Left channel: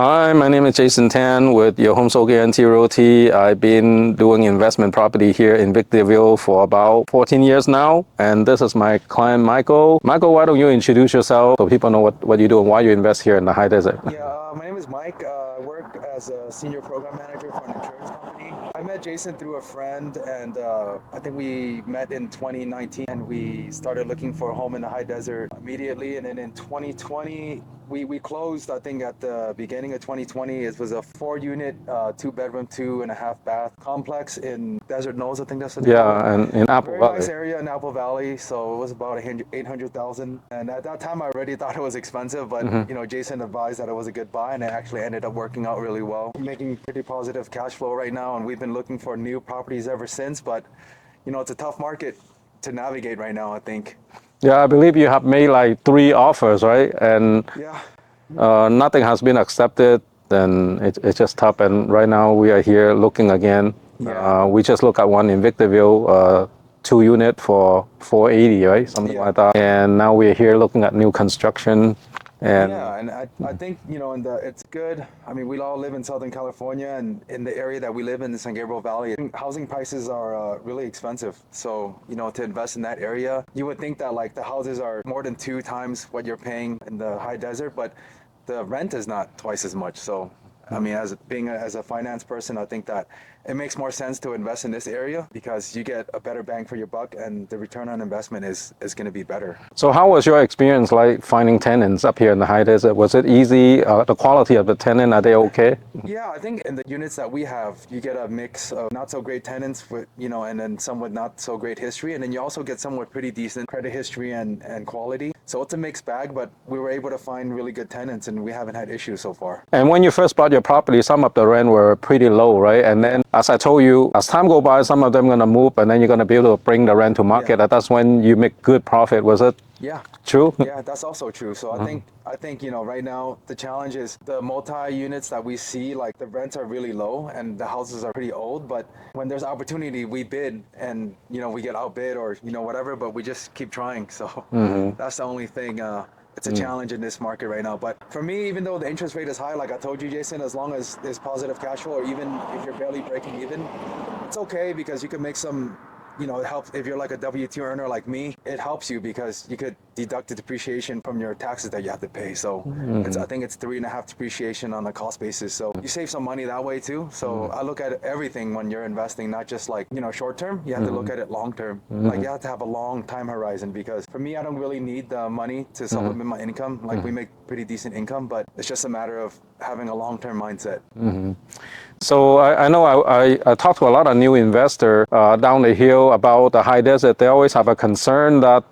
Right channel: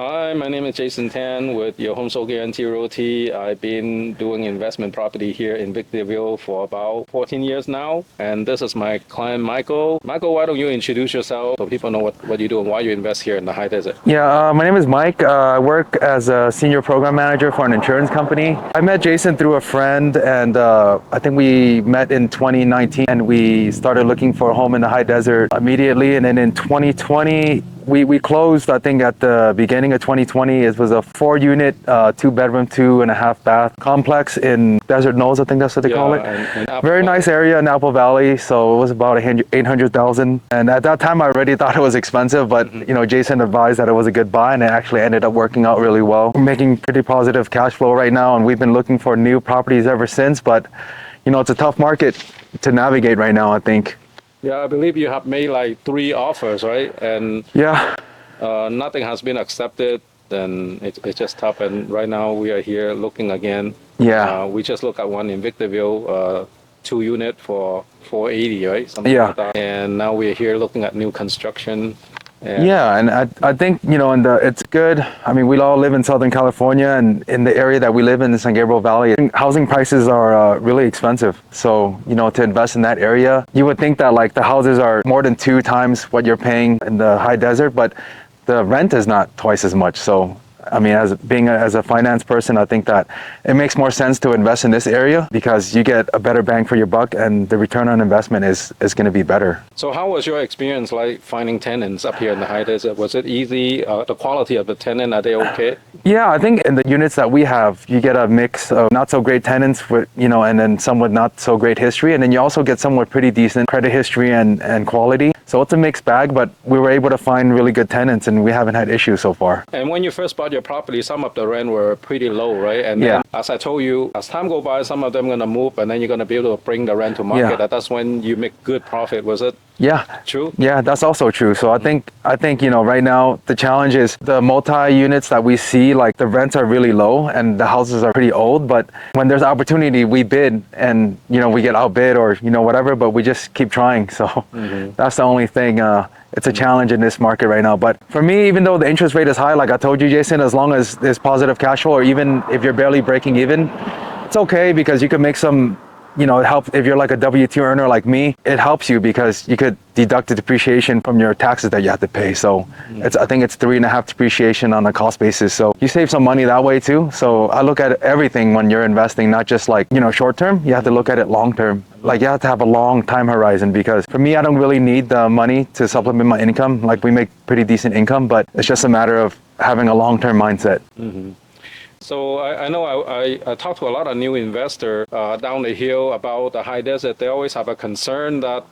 Hi, my name is Jason Tan with Your Home Soul Guarantee Realty. I've been doing investment property here in Victorville for about 14 years now, and this is my client, Michael. Michael, why don't you introduce yourself so people know what you do and why you invest here in the high desert? Yeah, my name is Mike. I work as a senior program manager for an insurance company. I met Jason through a friend, and I think we met in 2019, and we started looking for a home in the high desert immediately. And then in 2020, we closed, I think, at the beginning of 2020. It was a 4-unit, 2-bedroom, 2.5-bath complex in Desert Knolls, I think that's what they call it. Very nice area in Apple Valley. So it was about $800,000. And at that time, I already thought it was expensive, but Jason advised that it was a good buy, and it actually ended up working out really well. We're making pretty positive cash flow right now, and we've been looking for new properties ever since. But it's a tough market to navigate right now, I think. Yeah, I believe you have made like 3 offers, right? And yeah, nothing has been accepted, and it's just tough. And right now we are here looking again. Yeah. We just looked at one in Victorville, 2-unit for $480, right? Something like that. And now we're here looking at new construction. And I think, it's good. I mean, we all live in Southern California, and in the area that we live in, the San Gabriel Valley, housing prices are really expensive. So, to invest in that area, you would think that like the houses are more than 2 times what you're paying in the high desert, but the rent is not twice as much. So, I mean, as a finance person, I think that it makes more sense to invest in this area because you get a better bang for your buck, and the return on investment is going to be better. So how was your experience like finding tenants up here in the high desert? Was it easy? The quality of the tenant, are they okay? Yeah, I think in the units that we have, you get a mix of not so great tenants with, and then some with not so great history. And then you also get some with pretty decent credit history and quality. So it's a mixed bag, but we were able to find really good tenants, and we haven't had issues so far. And when you first bought your property, some of the rent were pretty low, right? And then, as I told you, as time go by, some of them going to move, and then you're going to be able to bring the rent to market. Yeah. That's when you make good profit, was it? Yeah. True? Yeah, that's also true. So I think right now the challenge is the multi-units that we see, like the rents are really low and the houses are pretty old, but when there's opportunity, we bid and, we get outbid or, whatever, but we just keep trying. So that's the only thing. It's a challenge in this market right now. But for me, even though the interest rate is high, like I told you, Jason, as long as there's positive cash flow, or even if you're barely breaking even, it's okay because you can make some, it helps if you're like a W-2 earner like me. It helps you because you could deduct the depreciation from your taxes that you have to pay. So I think it's 3.5 depreciation on a cost basis. So you save some money that way too. So I look at everything when you're investing, not just like, short term. You have to look at it long term. Like you have to have a long time horizon, because for me, I don't really need the money to supplement my income. Like we make pretty decent income, but it's just a matter of having a long-term mindset. So I know I talk to a lot of new investors down the hill about the high desert. They always have a concern that,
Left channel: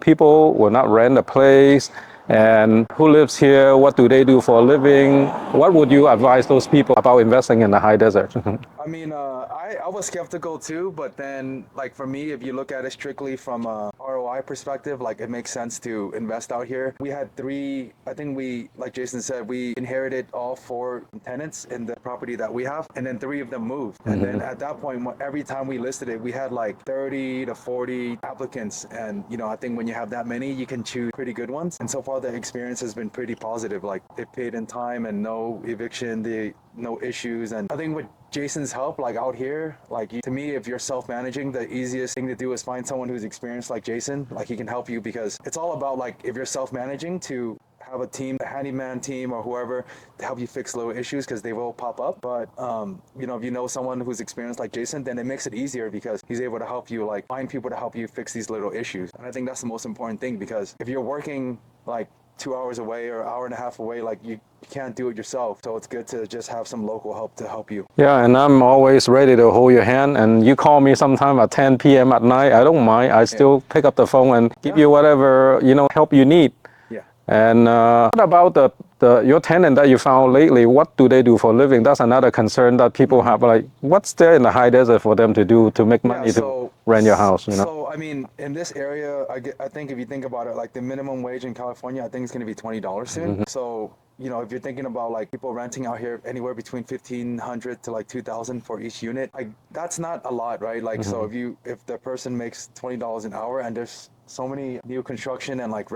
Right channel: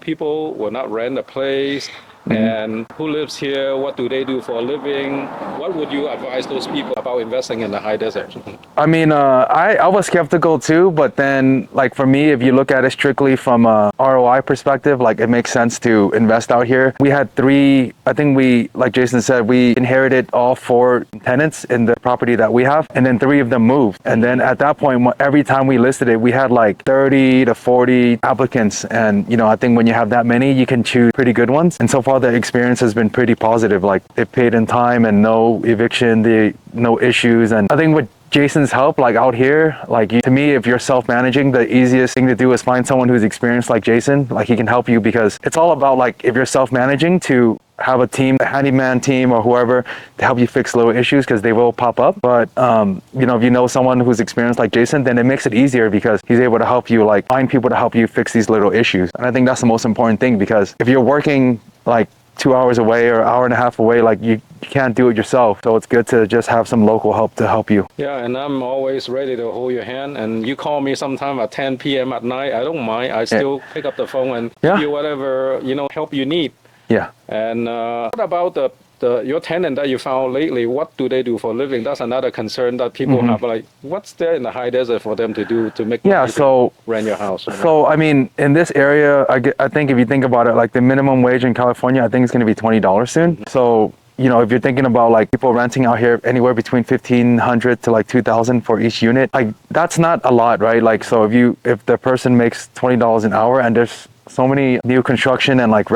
people will not rent a place. And who lives here? What do they do for a living? What would you advise those people about investing in the high desert? I mean, I was skeptical too, but then like for me, if you look at it strictly from a ROI perspective, like it makes sense to invest out here. We had 3, I think like Jason said, we inherited all 4 tenants in the property that we have, and then 3 of them moved. And then at that point, every time we listed it, we had like 30 to 40 applicants. And, I think when you have that many, you can choose pretty good ones. And so far, the experience has been pretty positive. Like they paid in time and no eviction, no issues. And I think with Jason's help, like out here, like to me, if you're self-managing, the easiest thing to do is find someone who's experienced like Jason. Like he can help you, because it's all about like if you're self-managing, to have a team, a handyman team or whoever to help you fix little issues, because they will pop up. But if you know someone who's experienced like Jason, then it makes it easier because he's able to help you like find people to help you fix these little issues. And I think that's the most important thing, because if you're working like 2 hours away or 1.5 hours away, like you can't do it yourself. So it's good to just have some local help to help you. Yeah, and I'm always ready to hold your hand. And you call me sometime at 10 p.m. at night, I don't mind. I still pick up the phone and give you whatever, help you need. Yeah. And what about your tenant that you found lately? What do they do for a living? That's another concern that people have. Like, what's there in the high desert for them to do to make money to rent your house? So, I mean, in this area, I think if you think about it, like the minimum wage in California, I think it's going to be $20 soon. So, if you're thinking about like people renting out here anywhere between $1,500 to like $2,000 for each unit, like that's not a lot, right? Like, so if the person makes $20 an hour, and there's so many new construction and like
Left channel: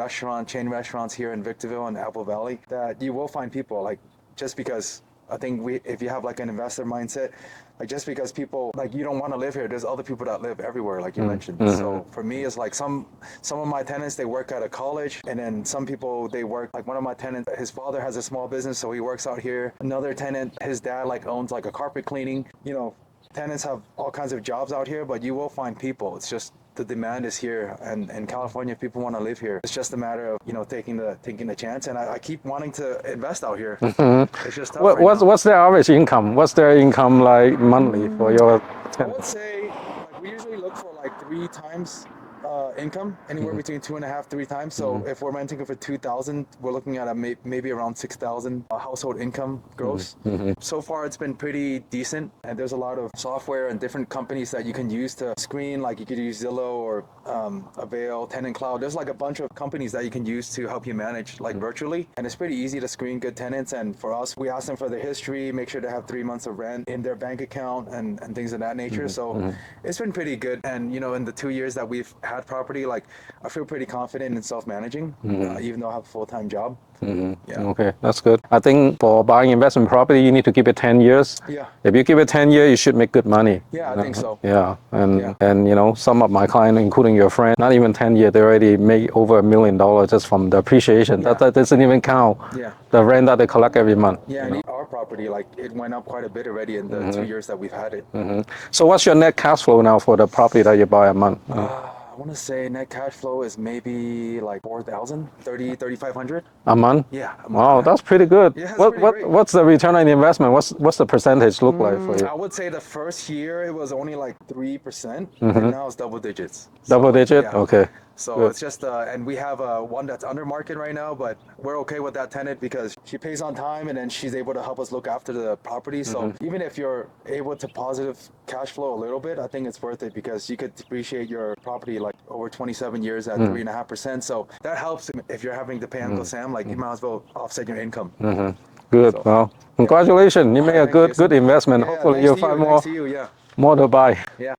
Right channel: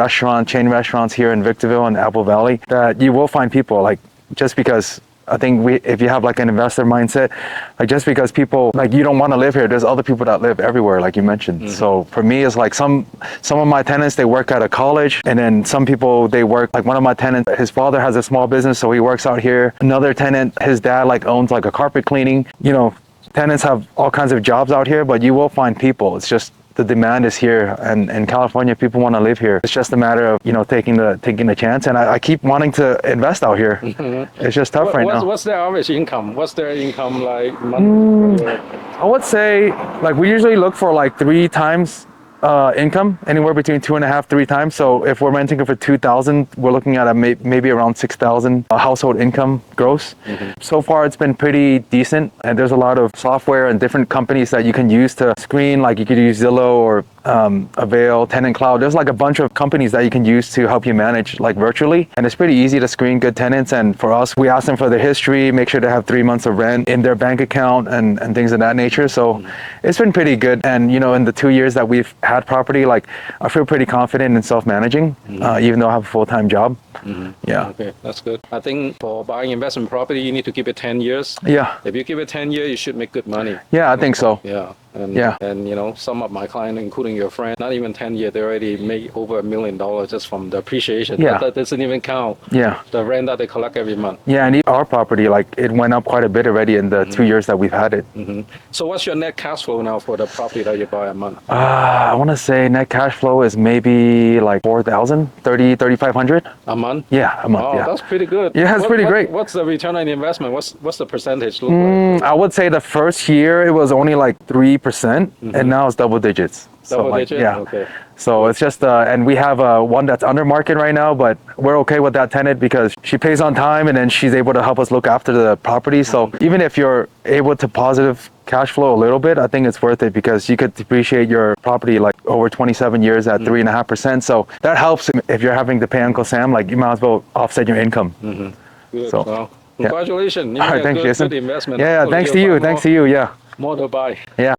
chain restaurants here in Victorville and Apple Valley, that you will find people like just because I think if you have like an investor mindset, like just because people like you don't want to live here, there's other people that live everywhere, like you mentioned. So for me, it's like some of my tenants, they work at a college, and then some people they work like one of my tenants, his father has a small business, so he works out here. Another tenant, his dad like owns like a carpet cleaning. You know, tenants have all kinds of jobs out here, but you will find people. It's just the demand is here, and in California, people want to live here. It's just a matter of taking the chance. And I keep wanting to invest out here. It's just tough right now. What's their average income? What's their income like monthly for your? I would say like we usually look for like 3 times income, anywhere between 2.5, 3 times. So if we're renting it for 2,000, we're looking at maybe around 6,000 household income gross. So far, it's been pretty decent, and there's a lot of software and different companies that you can use to screen. Like you could use Zillow or Avail, Tenant Cloud. There's like a bunch of companies that you can use to help you manage like virtually, and it's pretty easy to screen good tenants. And for us, we ask them for their history, make sure they have 3 months of rent in their bank account and things of that nature. So it's been pretty good. And in the 2 years that we've had property, like I feel pretty confident in self-managing, even though I have a full-time job. Yeah. Okay, that's good. I think for buying investment property, you need to keep it 10 years. Yeah. If you keep it 10 years, you should make good money. Yeah, I think so. Yeah. And some of my clients, including your friend, not even 10 years, they already made over $1 million just from the appreciation. Yeah. That doesn't even count the rent that they collect every month. Yeah, and our property, like it went up quite a bit already in the 2 years that we've had it. So what's your net cash flow now for the property that you buy a month? I want to say net cash flow is maybe like 4,000, 3,500 a month? Yeah, a month. Oh, yeah. that's pretty good. Yeah, it's pretty great. What's the return on investment? What's the percentage look like? I would say the first year it was only like 3%, and now it's double digits. Double So, digit? Yeah. Okay. So it's just, and we have one that's under market right now, but we're okay with that tenant because she pays on time and then she's able to help us look after the property. So even if you're able to positive cash flow a little bit, I think it's worth it because you could depreciate your property like over 27 years at 3.5%. So that helps if you're having to pay Uncle Sam, like you might as well offset your income. Good. So, Well, congratulations. You made a Thanks, Jason. good investment. Yeah, Hopefully thanks to you'll you. find Thanks to you. Yeah. more to buy. Yeah.